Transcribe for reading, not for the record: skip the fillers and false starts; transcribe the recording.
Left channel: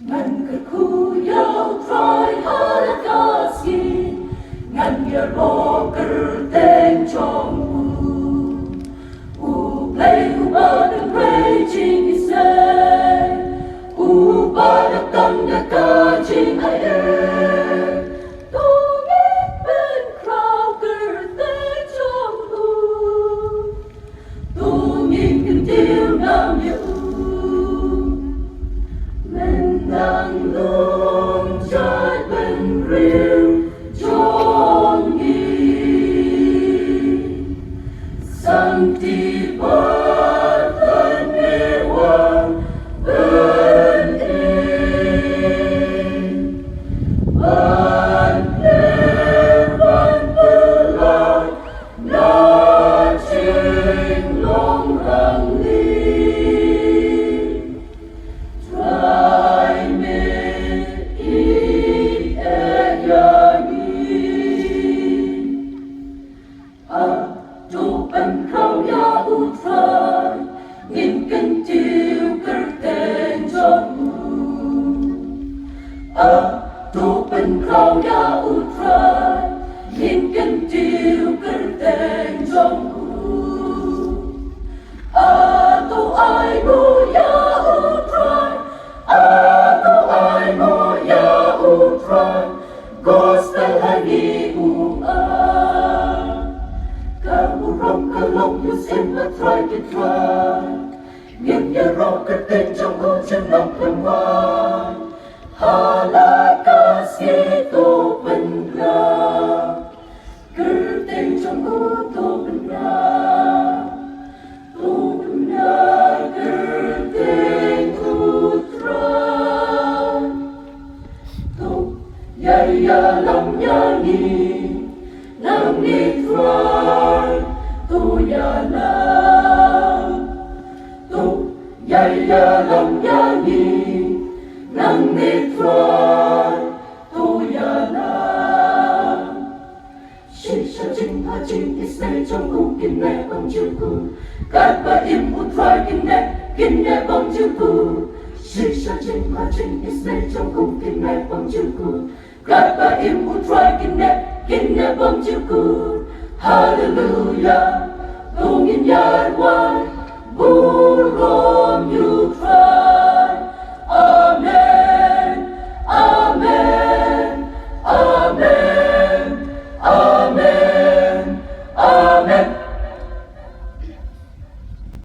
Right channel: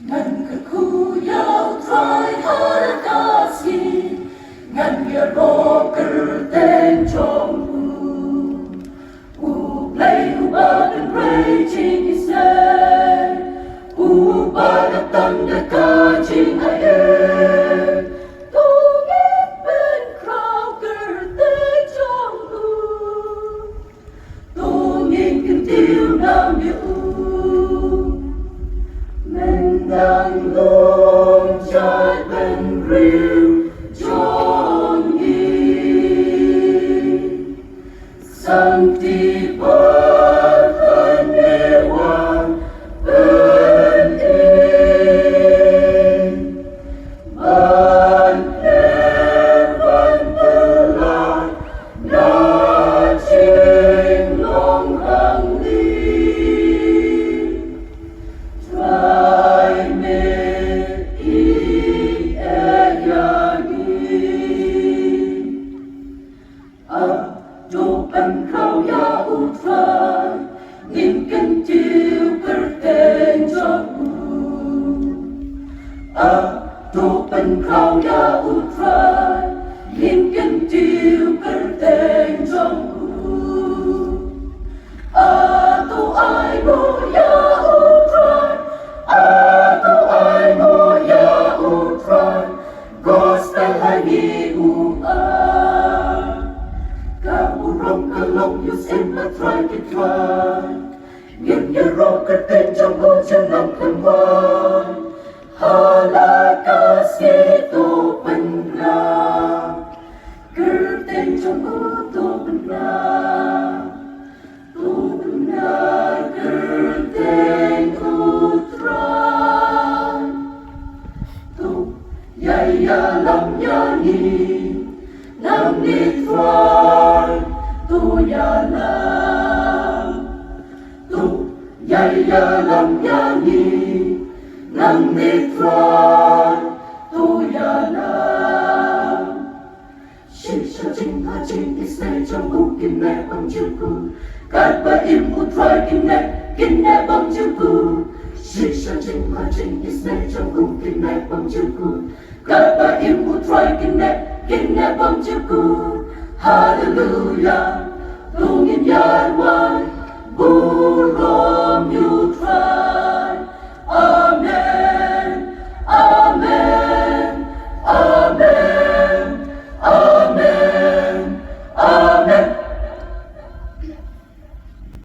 Ngân cực khu yêu trói hát ca si ngân bia rô cử tên trong u play u ba đừng rây chinh đi xe u ba đừng tăng đà ca chinh ai ê tô nghe bên khảo cử tên trong tô nhìn kinh tiêu nam yêu men đang lung trái bên riêng trong đi sang đi bất thân nghe hoàng bên in ban đêm ban tư lại đã trên lòng răng đi trai mê ý e ya ni tu bên khao ya u trai nhìn cân tiêu cử tên trong tu bên khao ya u trai nhìn cân tiêu cử tên trong tu ai bu ya u trai tu ai mo ya u trai gospel hani u kamu rong kalong you send my try to try nghiêng nhà rong cái tên trong con chân lòng không mai hala ca si tu bên ra cứ tên trong con tu bên ra cứ tên tu try tu ya lòng ya ni nam ni try tu ya lòng ya ni nam ni try tu ya She shall chinh ha chinh is nay trong cung kinh nè bông chữ cu cát ba im u try kinh nè bông chữ cu She shall chinh ha chinh is nay trong cung kinh nè bông chữ cu cát ba im u try kinh nè bông chữ cu Hallelujah tu nghìn yai